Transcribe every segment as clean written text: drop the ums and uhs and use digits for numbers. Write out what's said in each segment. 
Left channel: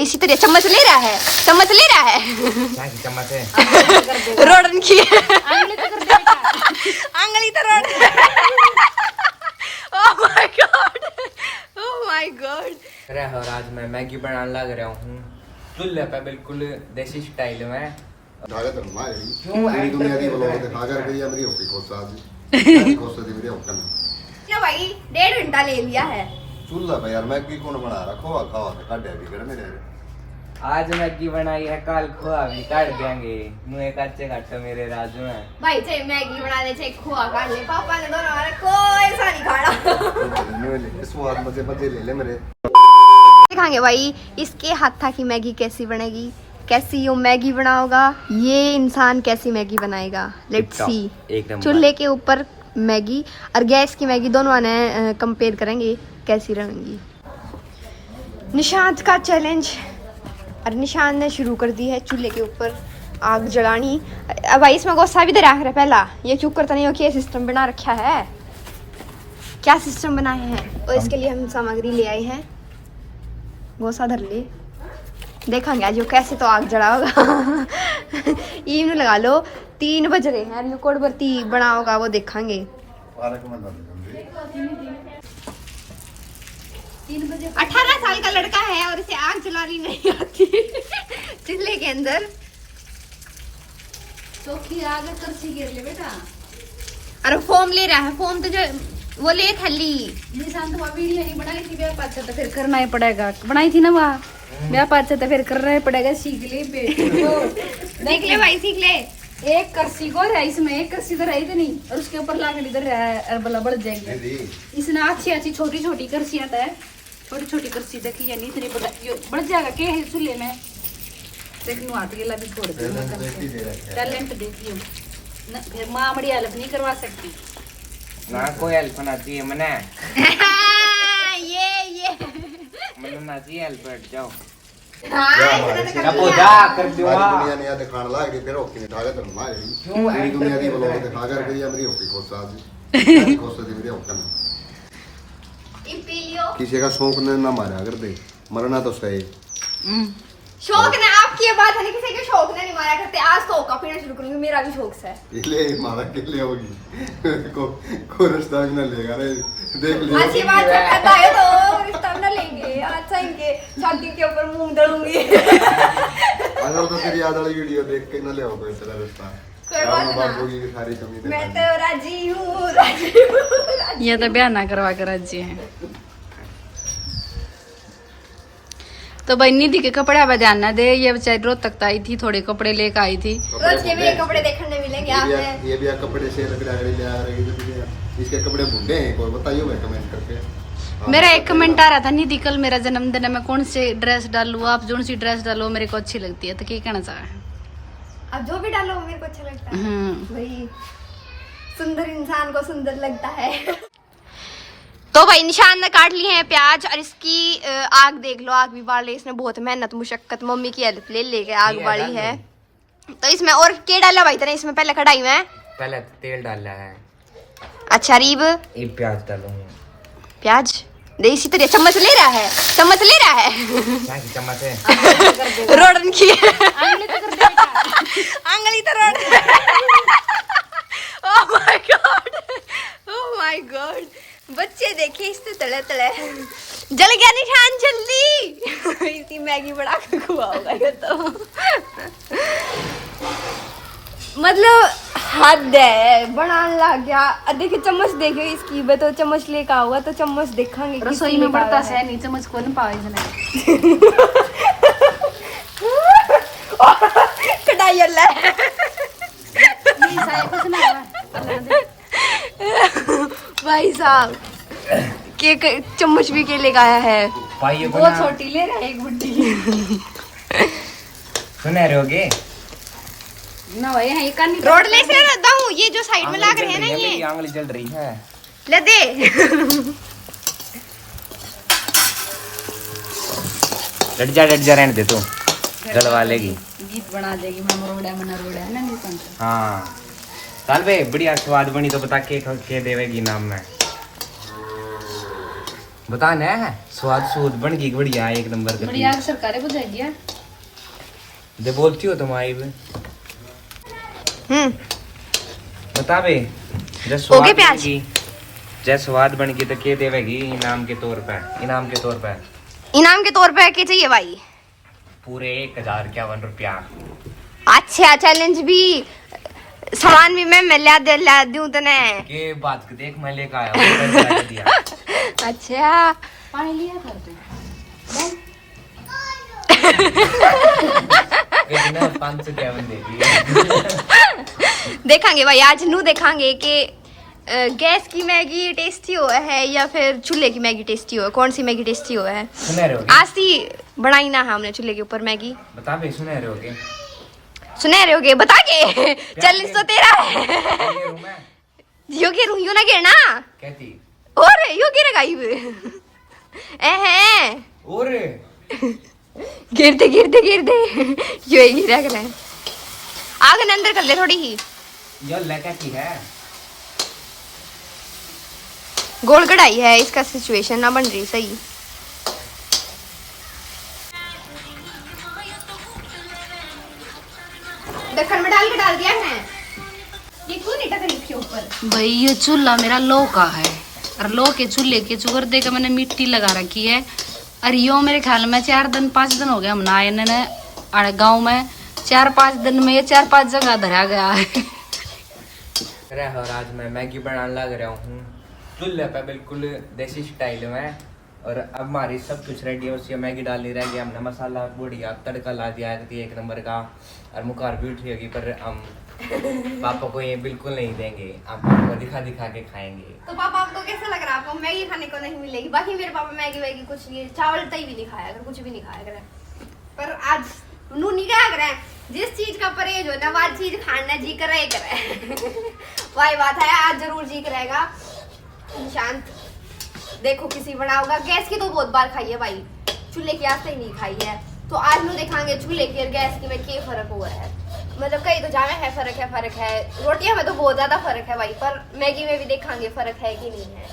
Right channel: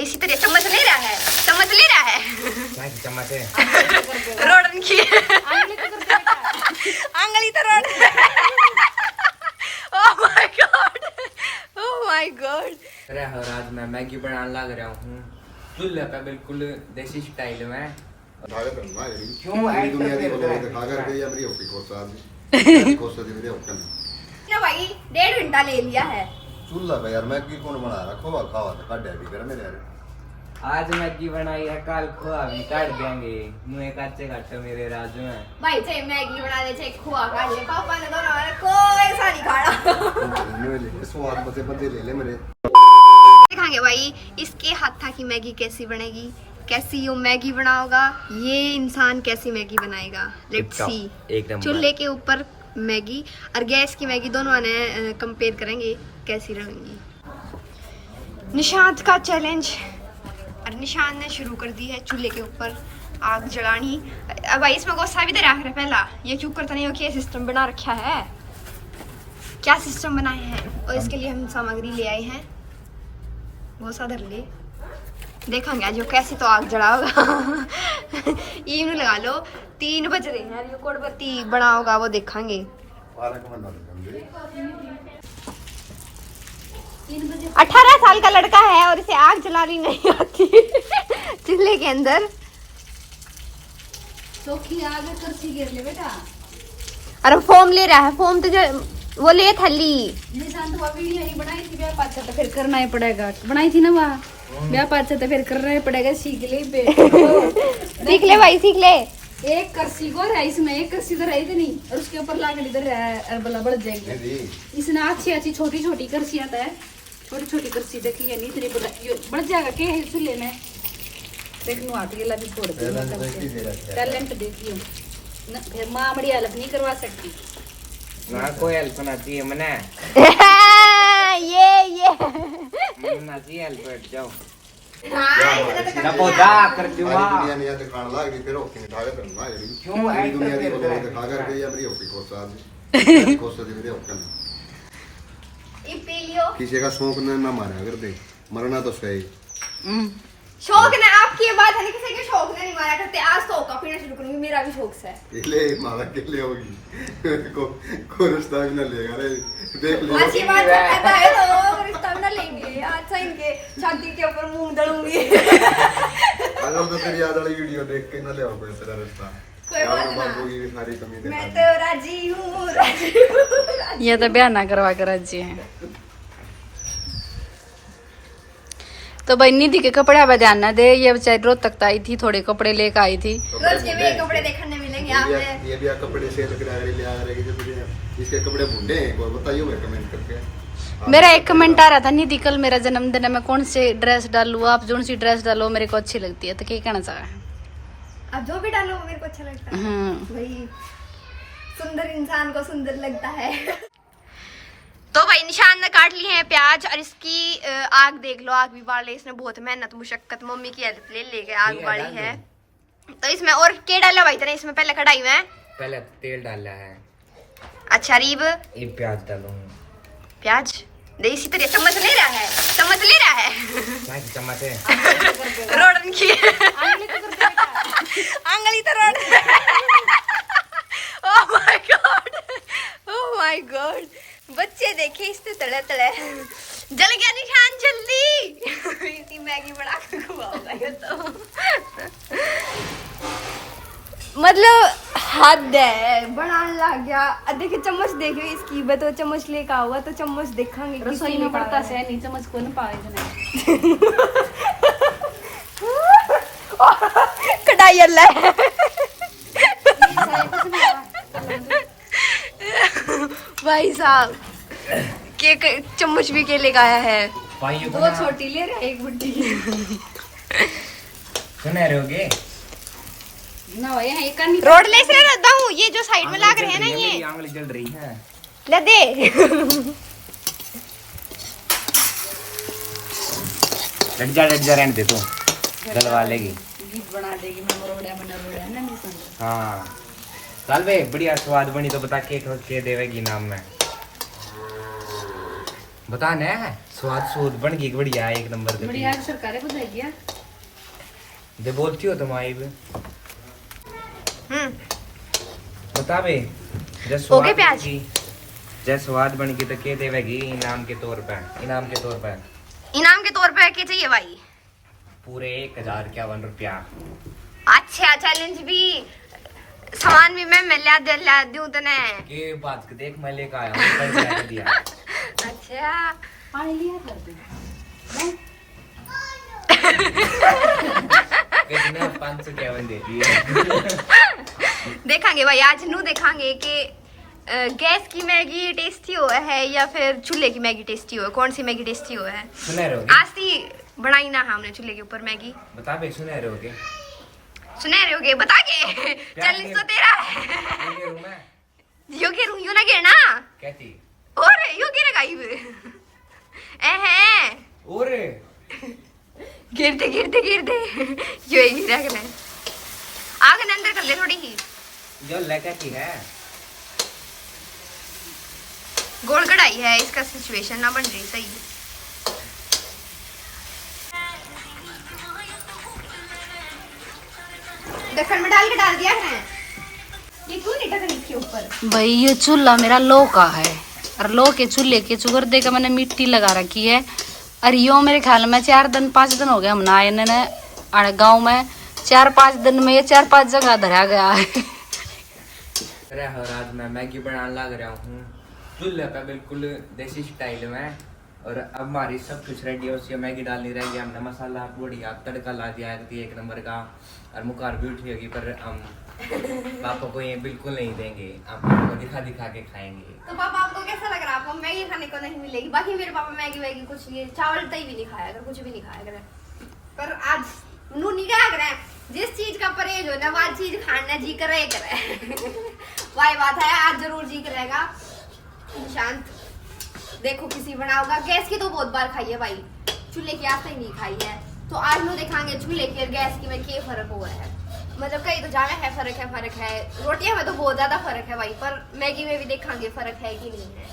इसी तरह चम्मच ले रहा है, चम्मच ले रहा है। क्या की चम्मच है? रोडन की आंगली तो road. Oh my God, oh my God. अरे और आज मैं मैगी बनाने लग रहा हूँ चूल्हे पे, बिल्कुल देसी स्टाइल में। लो भाई 1.5 घंटा ले लिया है चूल्हा पे यार मैगी कौन बना रहा, खोआ खावा तो काट भी कर मेरे यार। आज मैगी बनाई है, कल खोआ भी काट देंगे। मुँह कच्चे काटे मेरे राजू में। भाई, चाहे मैगी बना ले चाहे खोआ खा ले, पापा ने दोनों हमारा कोई सा नहीं खाना। स्वाद मजे मजे ले ले मेरे। दिखाएंगे भाई इसके हाथा की मैगी कैसी बनेगी, कैसी यो मैगी बनाओगा, ये इंसान कैसी मैगी बनाएगा। Let's see. एक नंबर। चूल्हे के ऊपर मैगी और गैस की मैगी दोनों ने कंपेयर करेंगे कैसी रहेंगी। निशांत का चैलेंज, और निशांत ने शुरू कर दी है चूल्हे के ऊपर आग जलानी। अब भाई इसमें गुस्सा भी दे रहा है पहला, ये क्यों करता नहीं हो, क्या सिस्टम बना रखा है, क्या सिस्टम बनाए हैं। और इसके लिए हम सामग्री ले आए हैं। गोसा धर ले, देखेंगे आज कैसे तो आग जलाओगा। ईम लगा लो 3 बज रहे हैं, रिकॉर्ड बत्ती बना होगा वो देखेंगे। 18 साल का लड़का है और इसे आग जलानी नहीं आती चूल्हे के अंदर। तो की आग करसी गिर ले बेटा। अरे फोम ले रहा है, फोम तो जो वो ले थली। निशांत वो वीडियो नहीं बनाई थी ब्याह पाछा, तो फिर करना ही पड़ेगा। बनाई थी ना वहाँ ब्याह पाछा, तो फिर करना ही पड़ेगा। सीख ले सीख ले भाई, सीख ले। एक करसी को है इसमें, एक करसी तो रही थी नहीं, और उसके ऊपर लाकड़ी इधर अरबला बढ़ जाएगी। इसने अच्छी अच्छी छोटी छोटी करसी आता है, छोटी छोटी करसी देखी या नहीं, इतनी बढ़ जाएगा के है चूल्हे में। देख नु हाथ गेला भी छोड़ दे, टैलेंट देखियो ना, फिर माँ बड़ी हेल्प नहीं करवा सकती ना, कोई हेल्प ना चाहिए मना। ये मना चाहिए हेल्प, बैठ जाओ। हाँ, जा कर दूंगा। दुनिया ने याद खाना लाग रही तेरे ओके निकाले तेरे मां गई। मेरी दुनिया की बोलो के खा कर गई मेरी ओके को साथ दी मेरे ओके में। किसी का शौक ने ना मारा कर दे, मरना तो सही। शौक ने आपकी ये बात है नहीं, किसी के शौक ने नहीं मारा करते। आज तो होका पीना शुरू करूंगी, मेरा भी शौक है। ले मारा के ले होगी को रिश्ता भी ना लेगा रे, देख ले। अच्छी बात है, कहता है तो रिश्ता ना लेंगे। अच्छा इनके छाती के ऊपर मुंह दड़ूंगी। अगर तो तेरी याद वाली वीडियो देख के ना ले होगा तेरा रिश्ता। कोई बात ना, बाबू की सारी कमी मैं तो राजी हूँ, राजी हूँ। ये तो ब्याह ना करवा कर राजी है। तो भाई निधि के कपड़े अब ध्यान ना दे, ये बेचारी रोज तक आई थी, थोड़े कपड़े लेकर आई थी। रोज के भी कपड़े देखने मिलेंगे आपने। ये भी कपड़े सेल पे लगा ले आ रहे हैं, इसके कपड़े बुढ़े हैं, कोई बताइए कमेंट करके। मेरा एक कमेंट आ रहा था, निधि कल मेरा जन्मदिन है, मैं कौन सी ड्रेस डालूं, आप जो सी ड्रेस डालो मेरे को अच्छी लगती है। तो क्या कहना चाह रहा है? अब जो भी डालो मेरे को अच्छा लगता है भाई, सुंदर इंसान को सुंदर लगता है। तो भाई निशान ने काट लिए हैं प्याज, और इसकी आग देख लो, आग भी बाल रही है। इसने बहुत मेहनत मुशक्कत मम्मी की हेल्प ले लेके आग बाली है। तो इसमें और क्या डाला भाई तेने इसमें पहले कढ़ाई में? पहले तेल डाला है। अच्छा रीब, ये प्याज डालूंगा। प्याज दे इसी तरह चम्मच ले रहा है, चम्मच ले रहा है। क्या की चम्मच है? रोडन की आंगली तो road. Oh my God, oh my God. बच्चे देखे इससे तड़े तड़े जल गया निशान, जल्दी। इसकी मैगी बड़ा खुआओगा ये तो। मतलब हद है, बनाने लग गया। देखिए चम्मच देखियो इसकी, मैं तो चम्मच लेकर आऊंगा तो चम्मच देखेंगे रसोई में पड़ता है नहीं, चम्मच को नहीं पावे कढ़ाई ले। भाई साहब के चम्मच भी के लेकर आया है। बहुत छोटी ले रहा है, एक बुड्ढी सुने रहोगे ना भाई, यही करनी रोड ले से रहता हूँ, ये जो साइड में लाग रहे हैं ना, ये आंगली जल रही है। ले दे। लट जा रहने दे तू, जलवा लेगी। गीत बना देगी मना रोड़ा है ना निशांत। हाँ साल भाई बढ़िया स्वाद बनी तो बता के देवेगी नाम में। बता ना स्वाद सूद बन गई बढ़िया एक नंबर का बढ़िया सरकारें को जाएगी दे बोलती हो तुम आई बे बता बे ओके प्याज जैसे स्वाद बन गई तो के देवेगी इनाम के तौर पे इनाम के तौर पे क्या चाहिए भाई पूरे 1051 रुपया अच्छा चैलेंज भी सामान भी मैं ला दूं तने के बात के देख मैं लेकर आया हूं पैसा दिया अच्छा पानी लिया था कितना 551 दे दिया देखेंगे भाई आज नू देखेंगे कि गैस की मैगी टेस्टी हुआ है या फिर चूल्हे की मैगी टेस्टी हुआ है कौन सी मैगी टेस्टी हुआ है सुने रहे हो आज ही बनाई ना हमने चूल्हे के ऊपर मैगी बता बे सुने रहे होगे सुनहरे हो गए बता के चैलेंज तो तेरा है यो के रू यो ना गिरना कहती और यो गिर गई है और गिरते यो ही गिरा कर आग ने अंदर कर दे थोड़ी ही यो लगा की है गोल कढ़ाई है इसका सिचुएशन ना बन रही सही ढक्कन में डाल दिया है ये क्यों नहीं ढक्कन इसके ऊपर भाई ये चूल्हा मेरा लो का है और लो के चूल्हे के चुगर दे के मैंने मिट्टी लगा रखी है और यो मेरे ख्याल में 4-5 दिन हो गए हम ना इन्होंने गाँव में 4-5 दिन में ये 4-5 जगह धरा गया है और आज मैं मैगी बनाने लग रहा हूँ चूल्हे पे बिल्कुल देसी स्टाइल में और अब हमारी सब कुछ रेडी है उसकी मैगी डालनी रह गई हमने मसाला बढ़िया तड़का ला दिया है एक नंबर का और मुकार भी उठी होगी पर हम पापा को ये बिल्कुल नहीं देंगे हम आपको दिखा के खाएंगे तो पापा आपको कैसा लग रहा है आपको मैगी खाने को नहीं मिलेगी बाकी मेरे पापा मैगी वैगी कुछ ये चावल तई भी नहीं खाया अगर कुछ भी नहीं खाया करे पर आज नू नहीं क्या करे जिस चीज का परहेज हो ना वो चीज खाना जी करे वही बात है आज जरूर जी करेगा शांत देखो किसी बनाओगा गैस की तो बहुत बार खाई है भाई चूल्हे की आज तक नहीं खाई है तो आज नो देखांगे चूल्हे की और गैस की में क्या फर्क हुआ है मतलब कहीं तो जाना है फर्क है रोटियां में तो बहुत ज्यादा फर्क है भाई पर मैगी में भी देखांगे फर्क है कि नहीं है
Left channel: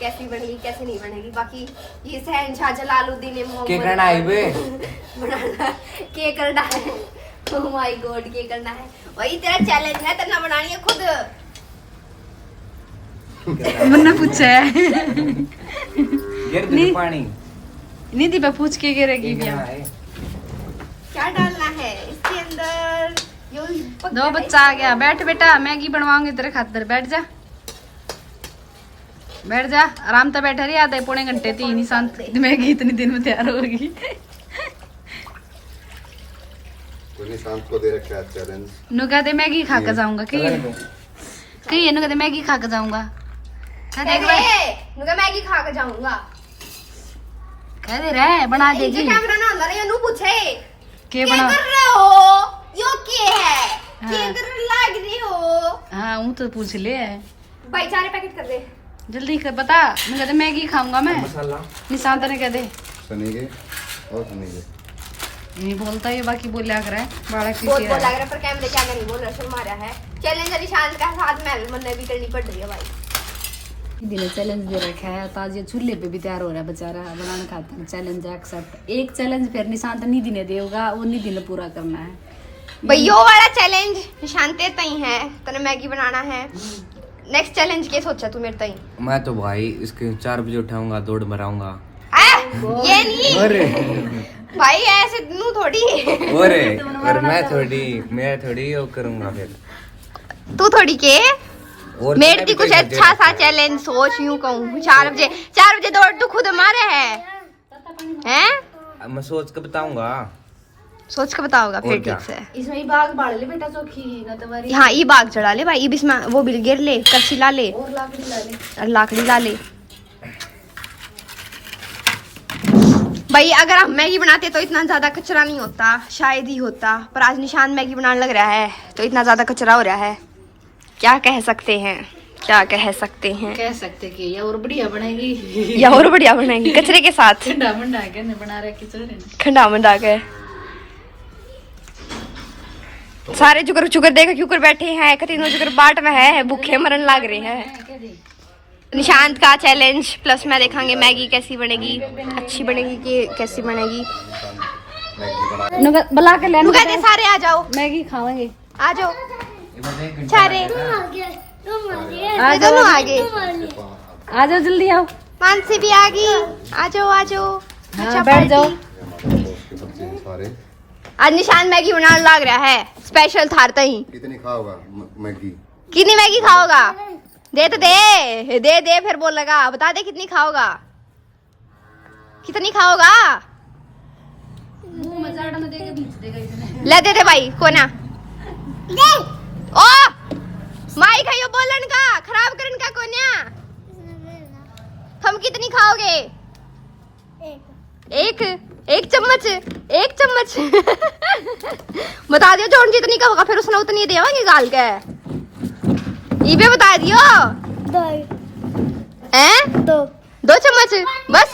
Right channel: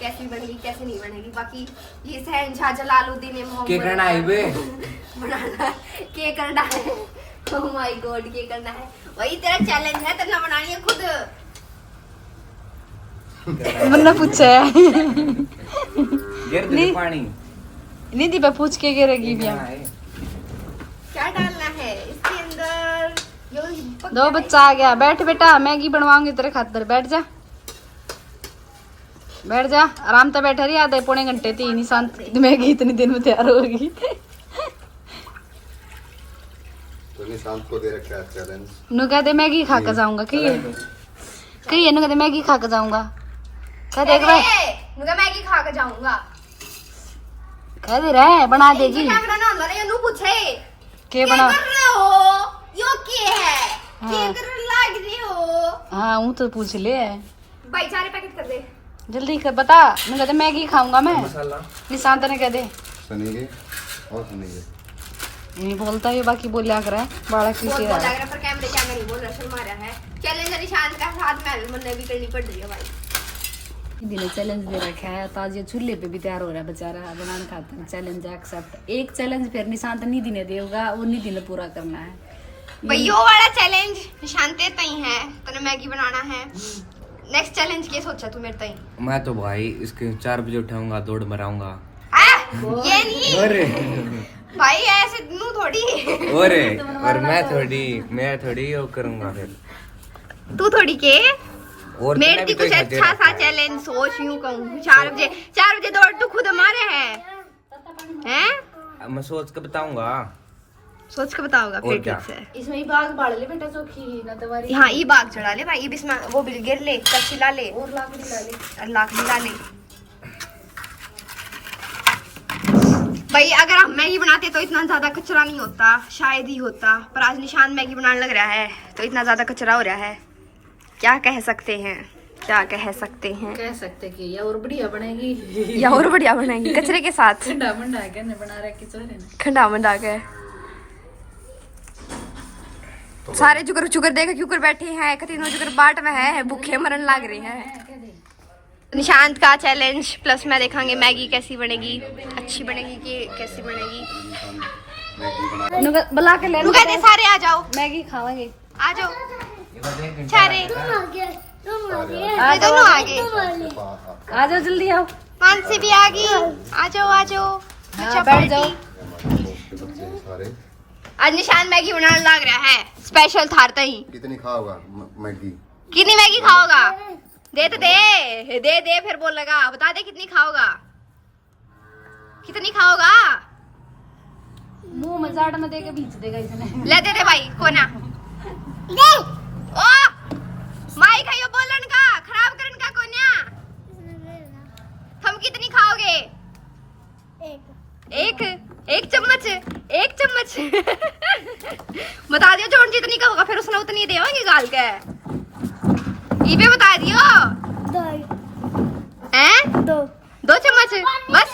कैसी बनेगी कैसे नहीं बनेगी बाकी ये शहनशाह जलालुद्दीन मोहम्मद बनाना के करना है ओह माय गॉड के करना है वही तेरा चैलेंज है तेरा बनानी है खुद मैंने पूछा है गिर दे पानी निधि पे पूछ के गिरेगी भी क्या डालना है इसके अंदर दो बच्चा आ गया बैठ बेटा मैगी बनवाऊंगी तेरे खातिर बैठ जा आराम से बैठे रही आधे पौने घंटे 3 शांत मैगी इतनी दिन में तैयार होगी तूने शांत को दे रखा है चैलेंज नु कहते मैगी खा के जाऊंगा कि ये नु कहते मैगी खा के जाऊंगा कह दे एक बार नुका मैगी खा के जाऊंगा कह दे रहे बना देगी कैमरा ना अंदर ये नु पूछे के बना कर रहे हो यो के है हाँ। के कर लग रही हो हाँ वो तो पूछ ले भाई 4 पैकेट कर दे जल्दी कर बता मैं कहते मैगी खाऊंगा मैं मसाला निशांत ने कह दे सुनेंगे और सुनेंगे नहीं बोलता ये बाकी बोलिया कर बड़ा बहुत बोल लग रहा है पर कैमरे के आगे नहीं बोल रहा शर्मा रहा है चैलेंज निशांत का साथ में मन भी करनी पड़ रही है भाई दिन चैलेंज दे रखा है तो आज ये चूल्हे पे भी तैयार हो रहा है बेचारा बनाने खातिर चैलेंज एक्सेप्ट एक चैलेंज फिर निशांत निधि ने देगा वो निधि ने पूरा करना है भाई यो वाला चैलेंज निशांत तई है तने मैगी बनाना है नेक्स्ट चैलेंज क्या सोचा तू मेरे तई मैं तो भाई इसके 4 बजे उठाऊंगा दौड़ मराऊंगा ये नहीं अरे भाई ऐसे नू थोड़ी और मैं थोड़ी वो करूंगा फिर तू थोड़ी के और मेरे की कुछ अच्छा सा चैलेंज सोच यूं कहूँ 4 बजे दौड़ तू खुद मारे हैं मैं सोच के बताऊंगा सोच के बताओगा फिर और क्या? ठीक से इसमें बाग बाढ़ ले बेटा चौकी गतवारी हाँ ये बाग चढ़ा ले भाई इसमें वो बिल गिर ले कच्ची ला ले और लाकड़ी चला ले और लाकड़ी ला ले भाई अगर हम मैगी बनाते तो इतना ज्यादा कचरा नहीं होता शायद ही होता पर आज निशान मैगी बनाने लग रहा है तो इतना ज्यादा कचरा हो रहा है क्या कह सकते हैं कह सकते कि ये और बढ़िया बनेगी या और बढ़िया बनेगी कचरे के साथ ठंडा मंडा के ने बना रखी चोरे ने खंडा मंडा के सारे जुगर जुगर देखा क्यों कर बैठे हैं कतीनो जुगर बाट में है भूखे मरन लग रहे हैं कह दे निशांत का चैलेंज प्लस मैं देखांगे मैगी कैसी बनेगी, अच्छी बनेगी कि कैसी बनेगी। बुला के ले कहते सारे आ जाओ, मैगी खावांगे। आ जाओ सारे, दोनों आगे, आ जाओ जल्दी आओ। मानसी भी आ गई, आ जाओ आ जाओ। अच्छा बैठ जाओ। उसके बच्चे हैं सारे। आज निशान मैगी बनाने लग रहा है, स्पेशल थारता ही। कितनी खाओगा मैगी? कितनी मैगी खाओगा? दे तो दे फिर बोलेगा, बता दे कितनी खाओगा, कितनी खाओगा? मुंह में जाड़ में दे के बीच देगा इसने। ले दे भाई कोना दे। ओ माई खाइयो बोलन का खराब करन का कोन्या। हम कितनी खाओगे? एक चम्मच, एक चम्मच। बता दियो जोन जितनी का होगा फिर उसने उतनी देवांगे गाल के। ये भी बता दियो। हैं? दो चम्मच बस।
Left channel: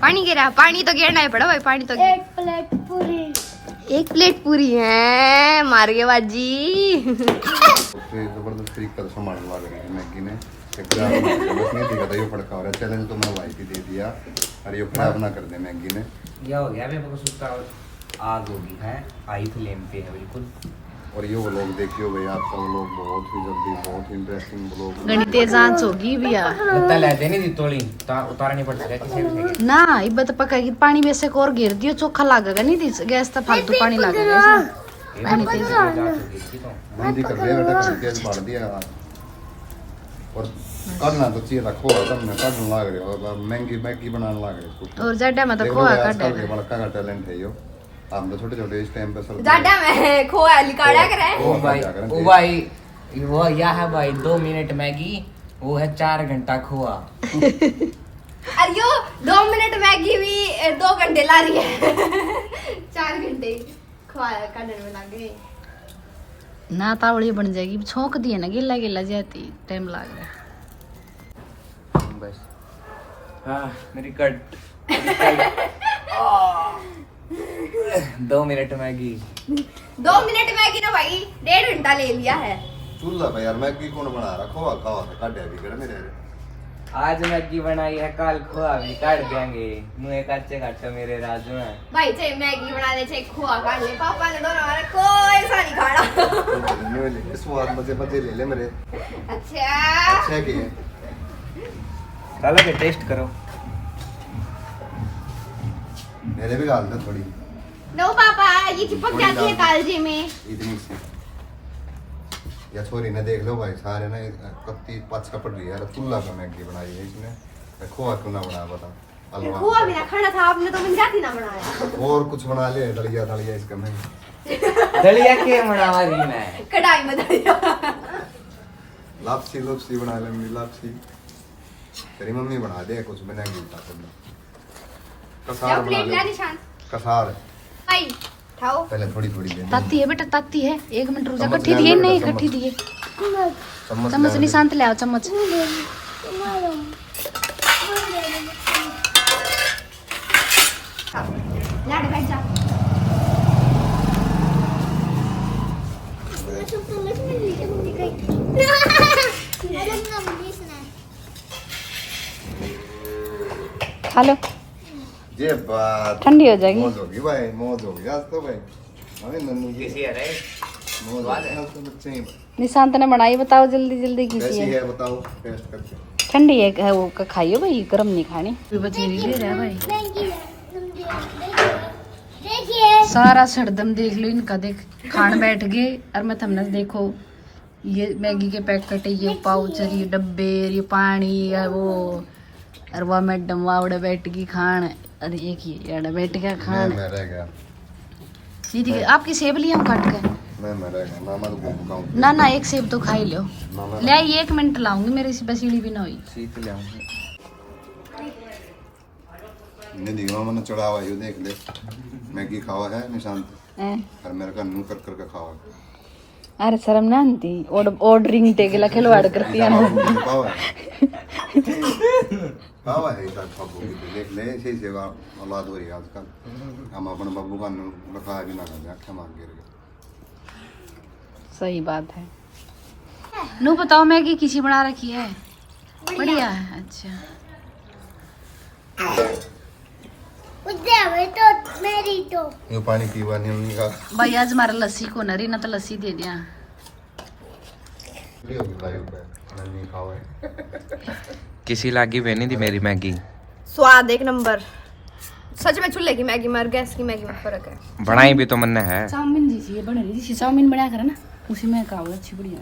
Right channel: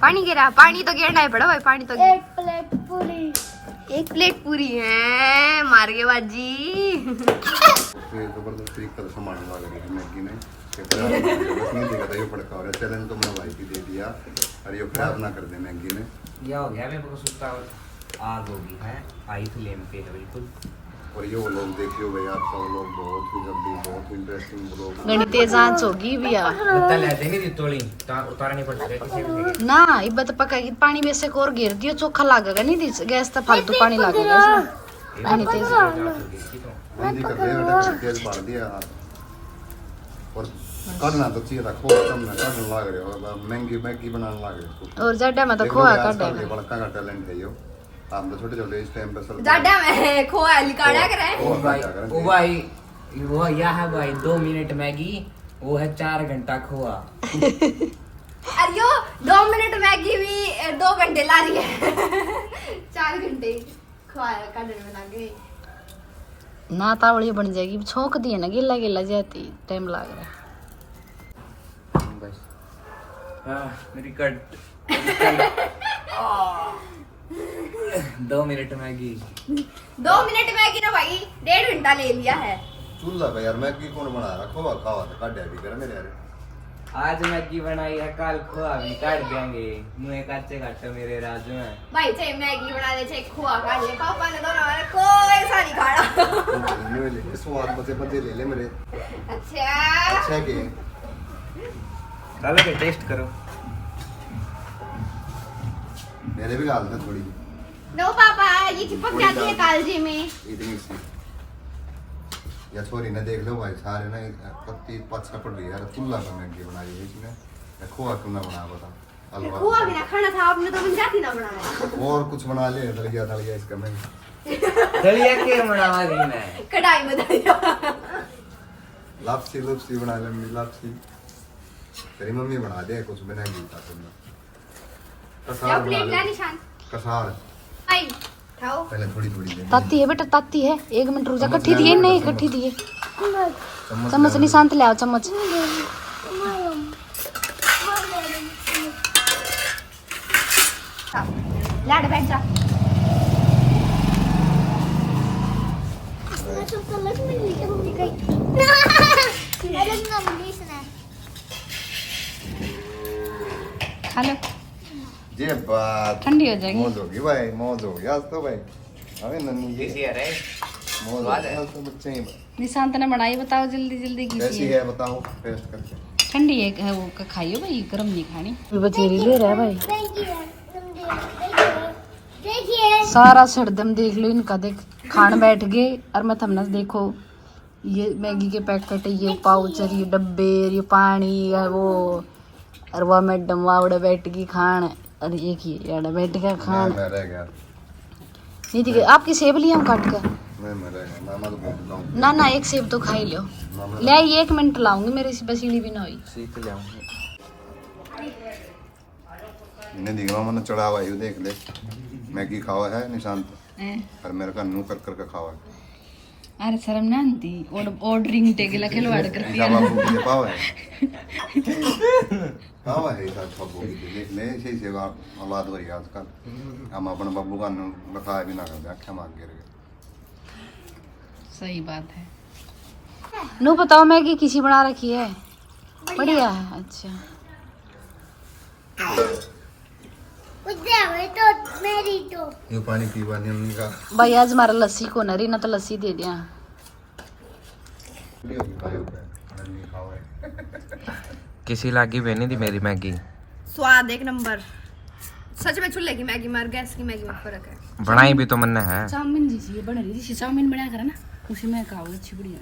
पानी गिरा, पानी तो गिरना ही पड़ा भाई, पानी तो एक प्लेट पूरी है, मार के बाजी। जबरदस्ती कल सामान लग रही है मैगी ने। नहीं दिखा था ये फड़का हो रहा चैलेंज तो मैंने वाइफ ही दे दिया। अरे ये खराब ना कर दे मैगी ने। क्या हो गया? मैं सुनता आग होगी है, आई फ्लेम पे है बिल्कुल। और ये वो लोग देखिए भाई आप सब लोग बहुत ही जल्दी बहुत इंटरेस्टिंग लोग गणितीय जांच होगी भैया बता ले देनी दी तोली उतारा नहीं पड़ता किसी भी से। ना इब्बत पकाएगी पानी में से और गिर दियो चोखा लागेगा नहीं दी गैस तो फालतू पानी लागेगा इसमें। गणितीय हिंदी कर रहे बेटा कर तेज बढ़ दिया। और करना तो चाहिए रखो तब मैं करने लग रहे हो महंगी मैगी बनाने लग रहे और ज्यादा मत खोआ काटा बड़का का टैलेंट है यो। हम तो छोटे छोटे इस टाइम पे सब ज्यादा मैं खोआ लिकाड़ा करे। ओ भाई वो यह है भाई 2 मिनट मैगी, वो है 4 घंटा खोआ। अरे यो 2 मिनट मैगी भी 2 घंटे ला रही है। 4 घंटे खोआ काटने में लगे ना तावड़ी बन जाएगी छोंक दिए ना गिल्ला गिल्ला जाती टाइम लग रहा है। बस मेरी cut 2 minute Maggi 2 minute Maggi ना भाई 1.5 घंटा ले लिया है। चूल्हा पे यार मैगी कौन बना रहा खोआ खावा तो काट भी कर मेरे। आज मैगी बनाई है, कल खोआ भी काट देंगे। मुँह कच्चे काटो मेरे राजू में भाई चाहे मैगी बना ले चाहे खोआ काट ले, पापा ने दोनों वाला कोई सा नहीं खाना। स्वाद मजे मजे ले ले मेरे। अच्छा के चलो के टेस्ट करो। मेरे भी डाल दे थोड़ी। नो पापा ये चिपक जाती है कालजे में इतनी सी या छोरी ने देख लो भाई सारे ना कत्ती पाछा पड़ रही है यार। चूल्हा पे मैगी बनाई है इसने, खोआ क्यों ना बना बता। हलवा खोआ भी ना खाना था आपने तो बन जाती ना बनाया। और कुछ बना ले दलिया दलिया इसका मैं दलिया के बनावा रही मैं कढ़ाई में दलिया। लापसी लुपसी बना ले मेरी लापसी। तेरी मम्मी बना दे कुछ बनाएगी कसार प्लेट बना ला ले। निशान कसार भाई खाओ। पहले थोड़ी थोड़ी दे ताती है बेटा ताती है 1 मिनट रुक जा कट्ठी दिए नहीं कट्ठी दिए चम्मच नहीं शांत ले आओ चम्मच। लाड बैठ जा। खा लो ये बात ठंडी हो जाएगी। मौज होगी भाई मौज होगी आज तो भाई। अबे नन्ही कैसी ये है रे? मौज स्वाद है। है तो बच्चे ही निशांत ने बनाई बताओ जल्दी जल्दी कैसी कीजिए। है बताओ टेस्ट करके। ठंडी है वो खाइयो भाई गरम नहीं खानी। बचेरी ले रहा है भाई सारा सरदम देख लो इनका। देख खान बैठ गए और मैं थमने देखो ये मैगी के पैकेट ये पाउच ये डब्बे ये पानी है वो और वह मैडम वावड़े बैठ की खान। अरे एक ही यार बैठ के खान मैं रह गया नहीं ठीक है। आपकी सेब लिया हूँ काट के मैं रह गया मामा तो भूखता हूँ। ना एक सेब तो खा ही लो। ले आई 1 मिनट लाऊंगी मेरी बसीड़ी भी ना हुई। सीख ले ने दिखा मामा ने चढ़ावा यू देख ले मैगी खावा है निशांत हैं? और मेरे का नू कर कर खावा है। अरे शर्म ना आती ऑर्डरिंग टेगला खिलवाड़ करती है बाबू की पावा है पावा है इधर बाबू की देख ले इसी से औलाद हो रही है आजकल। हम अपने बाबू का नू रखा भी ना कर आँखें मार गिर गए। सही बात है। नू बताओ मैगी किसी बना रखी है? बढ़िया है। अच्छा ये पानी पीवा नहीं उनका भाई आज हमारा लस्सी को नरी ना तो लस्सी दे दिया। किसी लागी बनी थी मेरी मैगी। स्वाद एक नंबर। सच में चूल्हे की मैगी में और गैस की मैगी में फर्क है। बनाई भी तो मन है। चाउमीन जैसी ये बन रही थी, चाउमीन बनाया करा ना उसी में खाओ, अच्छी बढ़िया।